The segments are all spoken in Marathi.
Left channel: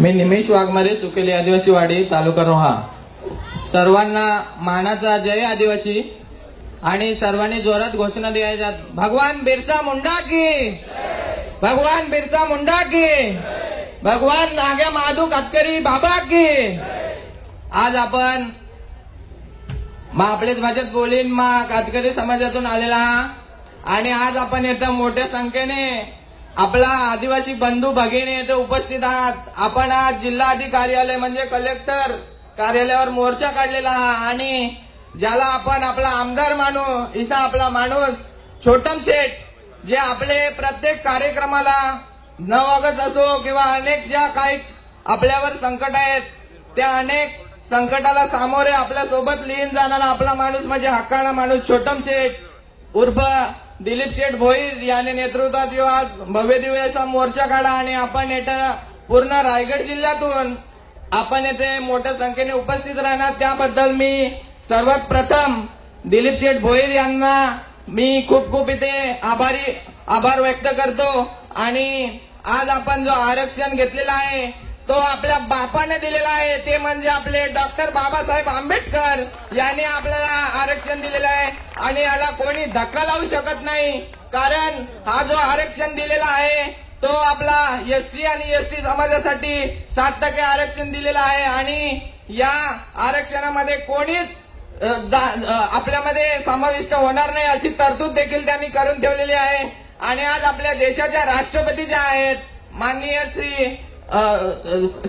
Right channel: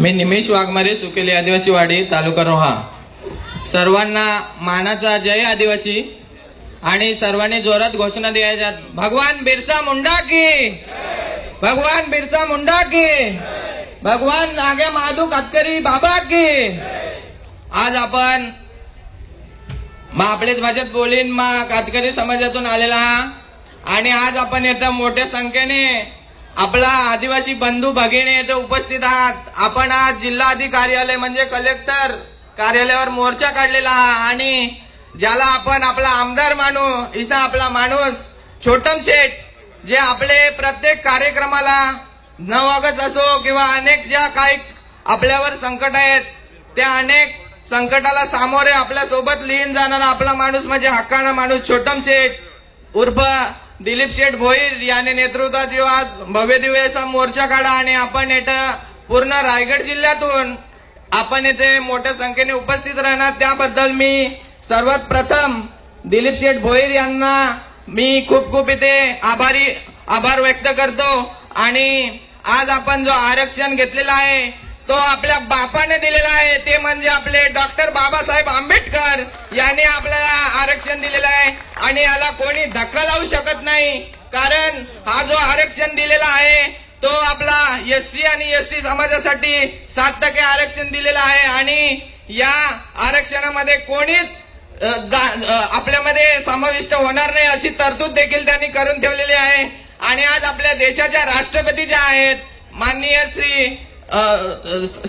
मी निमेश वाघमारे, सुकेली आदिवासी वाडी, तालुका रोहा. सर्वांना मानाचा जय आदिवासी. आणि सर्वांनी जोरात घोषणा द्यायच्या, भगवान बिरसा मुंडा की, भगवान बिरसा मुंडा की, भगवान नागे माधू कातकरी बाबा की. आज आपण आपलेच भाषेत बोलीन कातकरी समाजातून आलेला आणि आज आपण इथं मोठ्या संख्येने आपला आदिवासी बंधू भगिनी इथे उपस्थित आहात. आपण आज जिल्हाधिकारी कार्यालय म्हणजे कलेक्टर कार्यालयावर मोर्चा काढलेला आणि ज्याला आपण आपला आमदार मानू, इसा आपला माणूस छोटम शेठ, जे आपले प्रत्येक कार्यक्रमाला 9 ऑगस्ट असो किंवा अनेक ज्या काही आपल्यावर संकट आहेत त्या अनेक संकटाला सामोरे आपल्या सोबत लीन जाणारा आपला माणूस म्हणजे हक्काना माणूस छोटम शेठ उर्फ दिलीप शेठ भोईर याने नेतृत्वात आज भव्य दिव्य असा मोर्चा काढा आणि आपण इथं पूर्ण रायगड जिल्ह्यातून आपण इथे मोठ्या संख्येने उपस्थित राहणार. त्याबद्दल मी सर्वात प्रथम दिलीप शेठ भोईर यांना मी खूप खूप इथे आभार व्यक्त करतो. आणि आज आपण जो आरक्षण घेतलेला आहे तो आपल्या बापाने दिलेला आहे, ते म्हणजे आपले डॉक्टर बाबासाहेब आंबेडकर यांनी आपल्याला आरक्षण दिलेलं आहे आणि याला कोणी धक्का लावू शकत नाही. कारण हा जो आरक्षण दिलेला आहे तो आपला एससी आणि एसटी समाजासाठी 7% आरक्षण दिलेलं आहे आणि या आरक्षणामध्ये कोणीच आपल्यामध्ये समाविष्ट होणार नाही अशी तरतूद देखील त्यांनी करून ठेवलेली आहे. आणि आज आपल्या देशाच्या राष्ट्रपती ज्या आहेत माननीय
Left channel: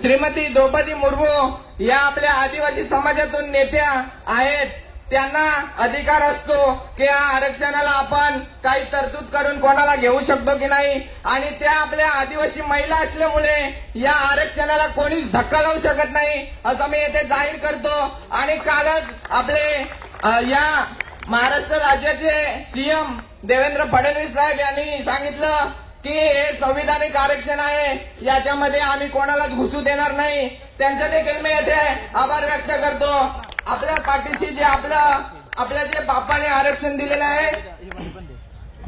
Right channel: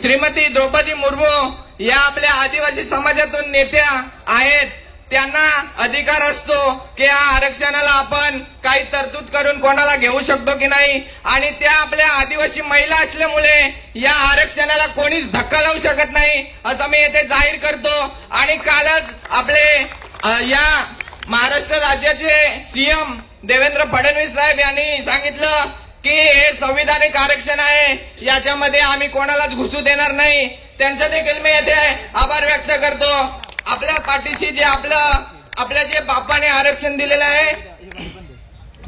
श्रीमती द्रौपदी मुर्मू या आपल्या आदिवासी समाजातून नेत्या आहेत, त्यांना अधिकार असतो की या आरक्षणाला आपण काही तरतूद करून कोणाला घेऊ शकतो की नाही. आणि त्या आपल्या आदिवासी महिला असल्यामुळे या आरक्षणाला कोणीच धक्का लावू शकत नाही असं मी येथे जाहीर करतो. आणि कालच आपले या महाराष्ट्र राज्याचे सीएम देवेंद्र फडणवीस साहेब यांनी सांगितलं की हे संविधानिक आरक्षण आहे, याच्यामध्ये आम्ही कोणालाच घुसू देणार नाही. त्यांचं देखील मी येथे आभार व्यक्त करतो. आपल्या पाठीशी जे आपल्या जे बापाने आरक्षण दिलेलं आहे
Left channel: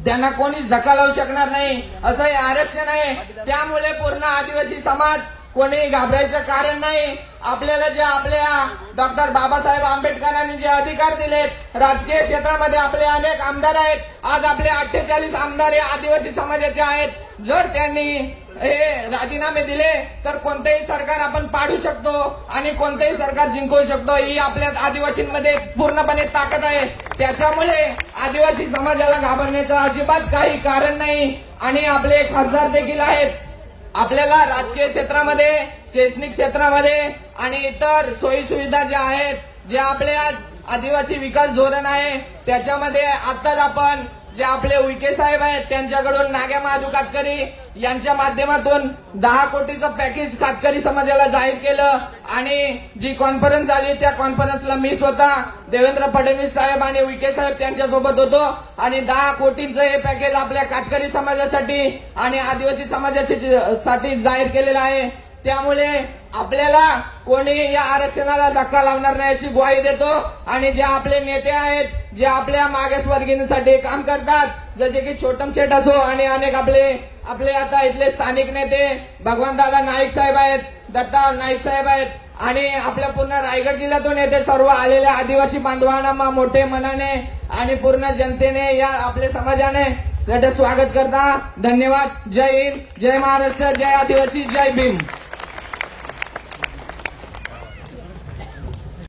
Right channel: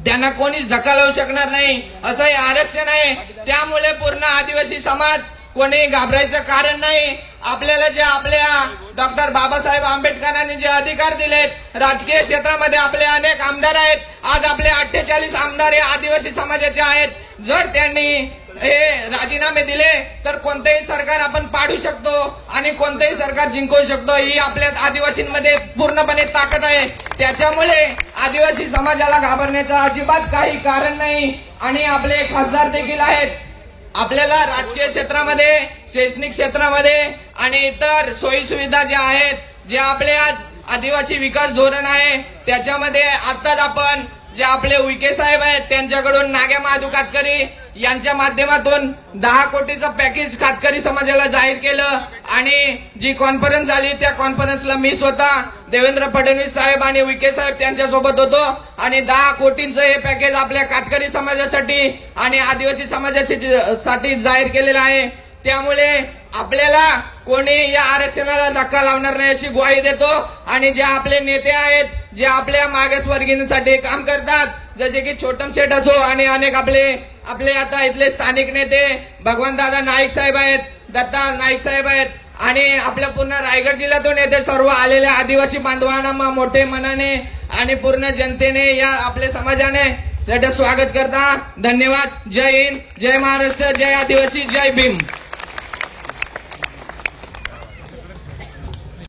त्यांना कोणीच धक्का लावू शकणार नाही असं हे आरक्षण आहे. त्यामुळे पूर्ण आदिवासी समाज कोणी घाबरायचं कारण नाही. आपल्याला जे आपल्या डॉक्टर बाबासाहेब आंबेडकरांनी जे अधिकार दिलेत, राजकीय क्षेत्रामध्ये आपले अनेक आमदार आहेत. आज आपले 48 आमदार हे आदिवासी समाजाचे आहेत. जर त्यांनी हे राजीनामे दिले तर कोणतेही सरकार आपण पाडू शकतो आणि कोणतेही सरकार जिंकवू शकतो. ही आपल्या आदिवासींमध्ये पूर्णपणे ताकद आहे. त्याच्यामुळे आदिवासी समाजाला घाबरण्याचं अजिबात काही कारण नाही. आणि आपले खासदार देखील आहेत. आपल्याला राजकीय क्षेत्रामध्ये, शैक्षणिक क्षेत्रामध्ये आणि इतर सोयी सुविधा ज्या आहेत, जे आपले आज आदिवासी विकास धोरण आहे त्याच्यामध्ये आताच आपण जे आपले उईके साहेब आहेत त्यांच्याकडून नागे महाधू कातकरी यांच्या माध्यमातून 10 कोटीचं पॅकेज कातकरी समाजाला जाहीर केलं. आणि जी कॉन्फरन्स झाली त्या कॉन्फरन्सला मी स्वतः देवेंद्र फडणवीस साहेब आणि उईके साहेब त्यांच्यासोबत होतो आणि 10 कोटींचं हे पॅकेज आपल्या कातकरी समाजासाठी आणि आदिवासी समाजासाठी जाहीर केलेलं आहे. त्यामुळे आपल्याला कोणी या आरक्षणाला धक्का लावणार नाही अशी ग्वाही देतो. आणि जे आपले नेते आहेत, जे आपल्या मागासवर्गीयांसाठी काम करतात, जसे की छोटम शेठ असो आणि अनेक आपले आता इथले स्थानिक नेते भगवानदादा नाईक साहेब आहेत, दत्ता नाईक साहेब आहेत आणि आपल्या पूर्ण रायगड जिल्ह्यातून येथे सर्व आलेल्या आदिवासी बांधवांना मोठे मनाने आणि पूर्ण जनतेने या आपल्या समाजाने स्वागत करता. धन्यवाद. जय हिंद, जय महाराष्ट्र, जय आदिवासी, जय भीम.